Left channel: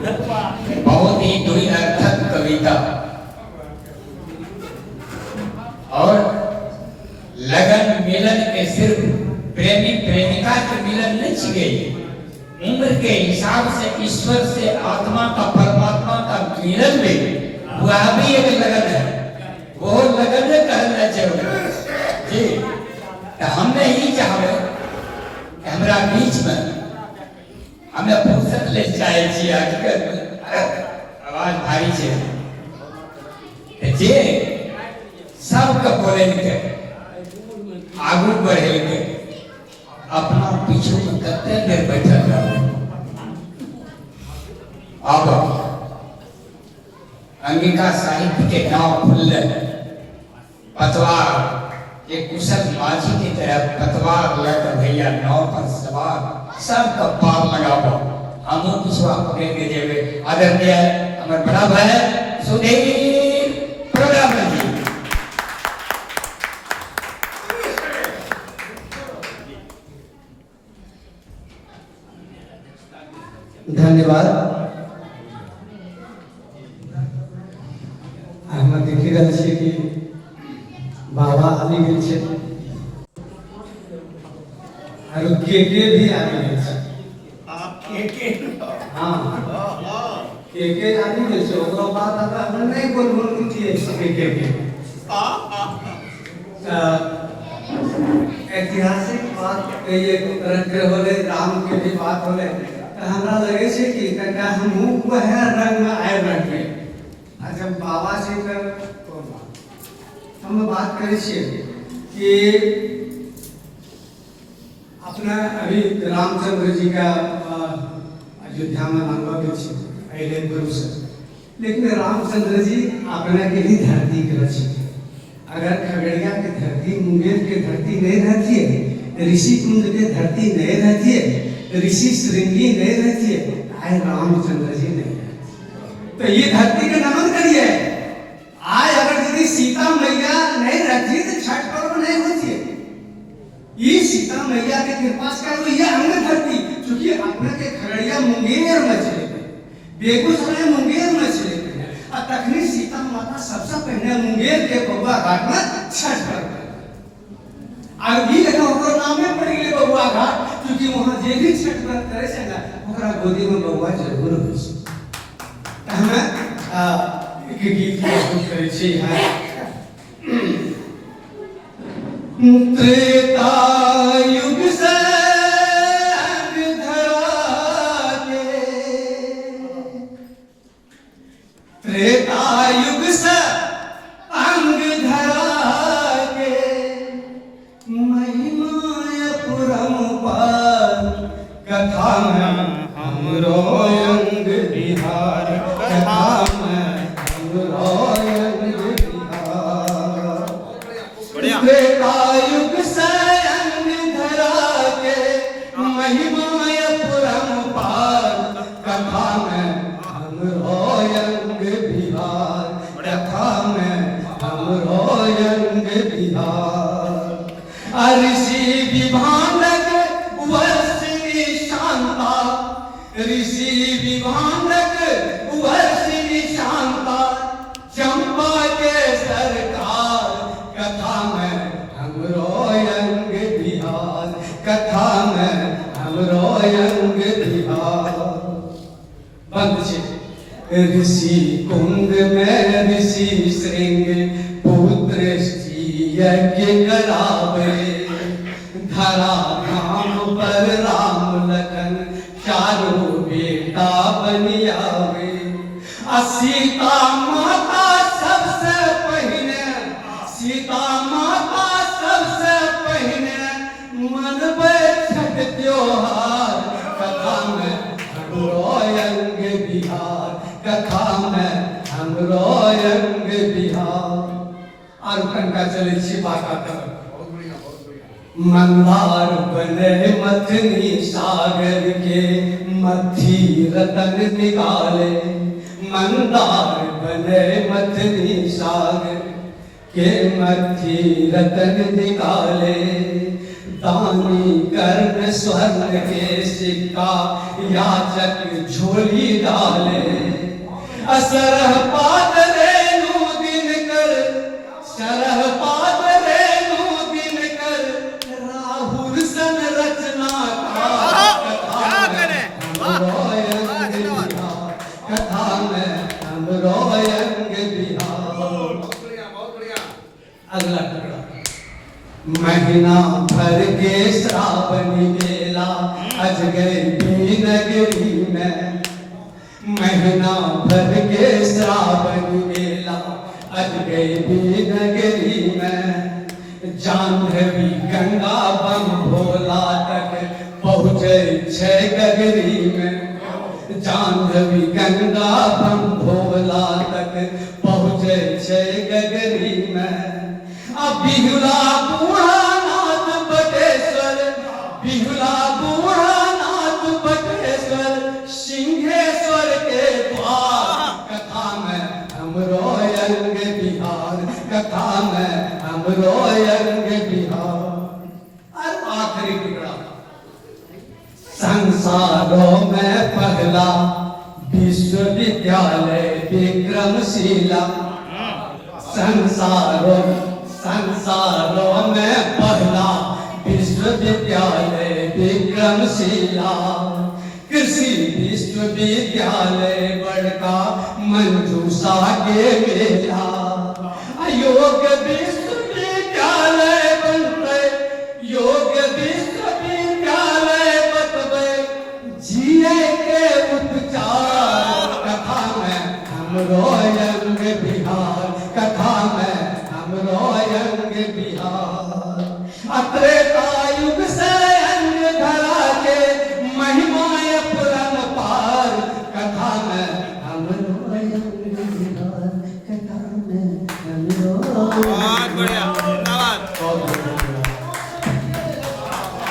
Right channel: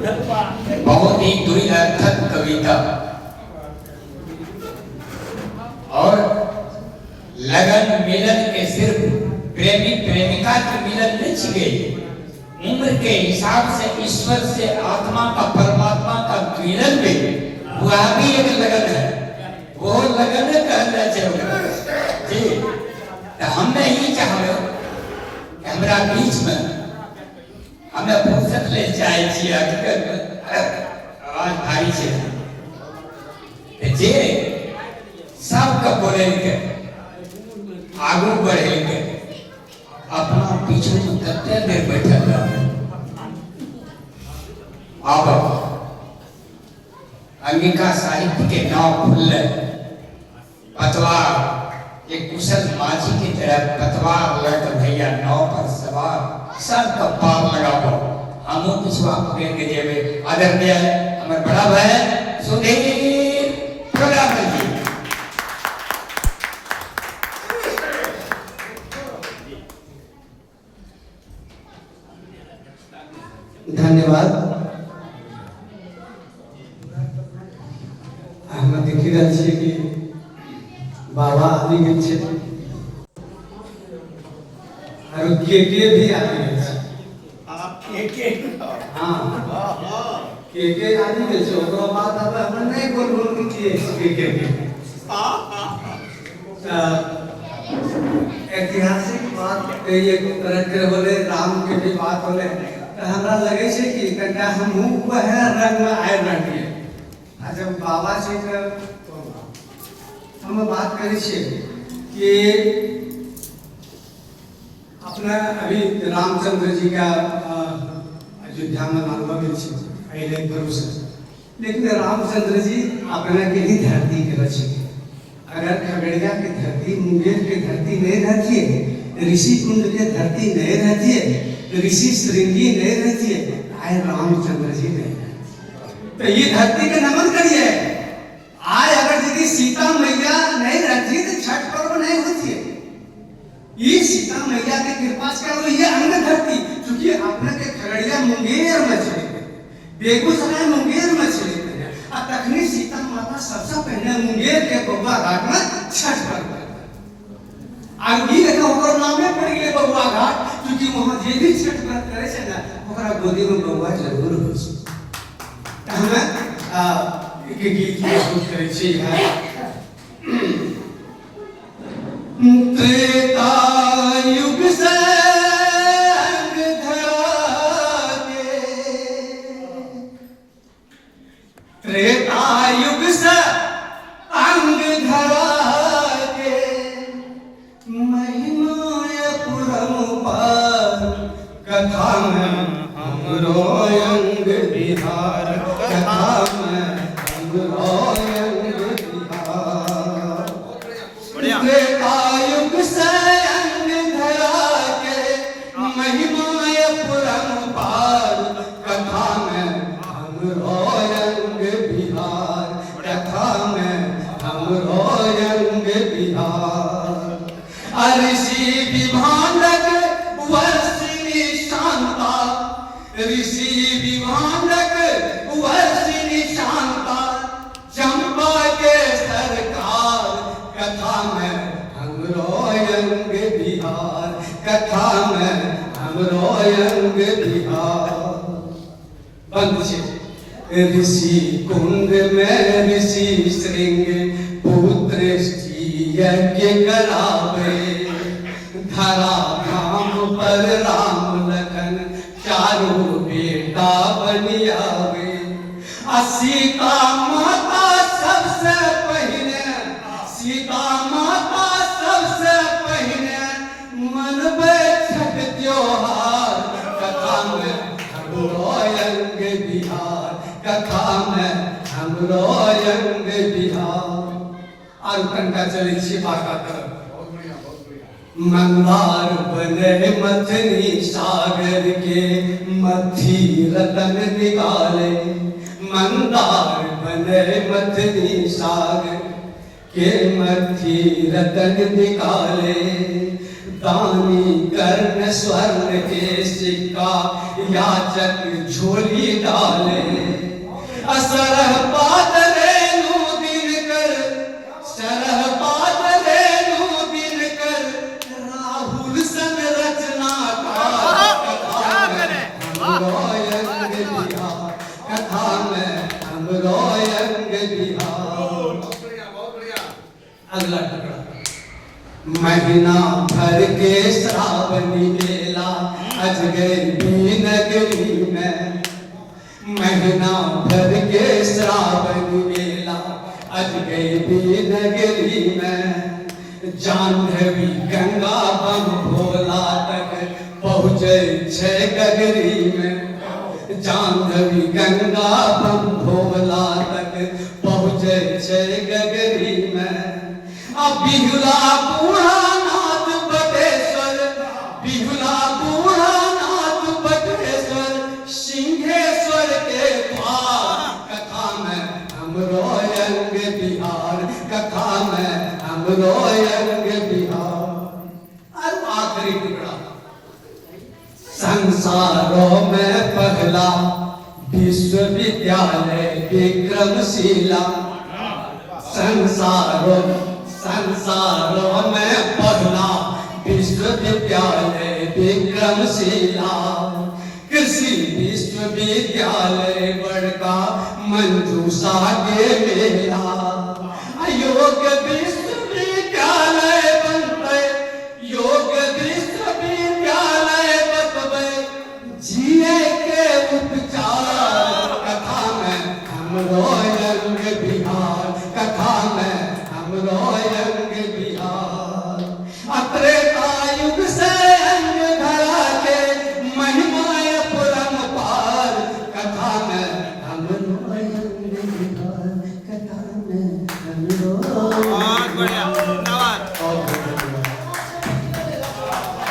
बहुत ही द्विअर्थक कविता। और लगन मिलन के सिर्फ प्रेमी प्रेमिका के मिलन नहीं छिगे, उम्र के हिसाब से ईश्वर से आत्मा का परमात्मा का मिलन भी वह भी एक लगन है। वो लगन करना चाहिए जी। तो हमने ही चाहे हमरा बीच में हमें फुर्सत ले जाए छी। आवाज भारी छे जे सबके बोले के आगू बढ़े के अपना पीछे में कते देर बैठल रहे। अब अंगिका साहित्य के नाव खुलले, पतवार एक कुशल माझी की तरह पतवार लेकर भैया नाव पर सवार सबका पार लगाओ। हमो कुछ आपको के देवे आदरणीय हमर बड़ा भाई सुधीर प्रोग्राम जी। धन्यवाद। हम देखि रहल छियै कि बाबा आबि गेल छै और के भी आबि गेल छै। आप के हां के आबि गेल छै। ओकरा बाद हम नहि बोलबो छियै के ऐतिहासिक बात कहिए तरह के होले, राम के भी बात होले। हमरा लगे छै कि तनिका हमहूँ वह रंग में आबि रहिए। आ जब बाबा जी के हम बात करै छियै कि अपना अभी रामचंद्र जी का अयोध्या में मानवा गेल छै पहले गुरु से, लेकिन रामचंद्र जी अपना के लिए धरती के रचित। अगर खगड़िया की धरती, मुंगेर की धरती नहीं रहती है, ऋषि कुंज की धरती नहीं रहती है, ऋषि श्रृंगी नहीं रहती है, आए रामचंद्र जी नहीं। तो ये धरती के नमन करिए। आज अगर यदि सीता मैया नहीं रहती तो छठ पर्व नहीं होती है। ये सीता मैया के कृपा से करो ये अंग धरती, क्योंकि अपने के खगड़िया मुंगेर में चले गए, बेगूसराय मुंगेर में चले गए, और तखनी सीता माता सबसे पहले मुंगेर के बबुआ घाट में छठ पर्व आगे देखा ओकर नाम में पड़ गए बबुआ घाट, क्योंकि वहां जे भी छठ व्रत करे छै ना ओकरा गोदी में बबुआ जरूर होइ छै। त हमें एक गीत प्रस्तुत करे छी। त्रेता युग से धरा के, त्रेता युग से अंग धरा के, महिमा पुरम पार कथा में हमरो अंग बिहार, कथा में हमरो अंग बिहार। त्रेता युग से अंग धरा के, महिमा पुरम पार कथा में हमरो अंग बिहार, कथा में हमरो अंग बिहार। ऋषि विभानक वर्षिणी शांता, ऋषि विभानक वर्षिणी शांता, चंपा के सरकार कथा में हमरो अंग बिहार, कथा में हमरो अंग बिहार। बंद छै। ऋषि कुंड में ऋषि श्रृंग पुत्र यज्ञ करावे, धरा धाम पर राम लखन चारों बेटा बनियावे। सीता माता सबसे पहले, सीता माता सबसे पहले मनबे छठ त्योहार, कथा में हमरो अंग बिहार, कथा में हमरो अंग बिहार। और कंटा चले छी बाका कर मंगवार बने मथनी सागर के, मथी रतन निकाले। मंदार बने मथनी सागर के, मथी रतन निकाले। दानी कर्ण स्वर्ण के सिक्का याचक झोली डाले असरह पात रेणु दिन कर सरह पात रेणु दिन कर राहुल सन रचना कथा में हम रोयंग बिहार। अगला टुकड़ा महीना भर के श्रावणी मेला अजगैबी नगरी में महीना भर के श्रावणी मेला अजगैबी नगरी में जाह्नवी गंगा बम भोला तक पहुँचे छे गगरी में जाह्नवी गंगा बम भोला तक पहुँचे छे गगरी में बिहुला बुढ़ानाथ बटेश्वर बिहुला बुढ़ानाथ बटेश्वर सिंहेश्वर के द्वार कथा में हम रोयंग बिहार कथा में हम रोयंग बिहार। और आखिरी टुकड़ा संसारों में पहला विश्वविद्यालय विक्रमशिला संसारों में पहला विश्वविद्यालय विक्रमशिला कृषि विश्वविद्यालय बड़का मंजूषा के मेला योग विश्वविद्यालय बनते योग विश्वविद्यालय बतबे जिए के उपचार कथा में हम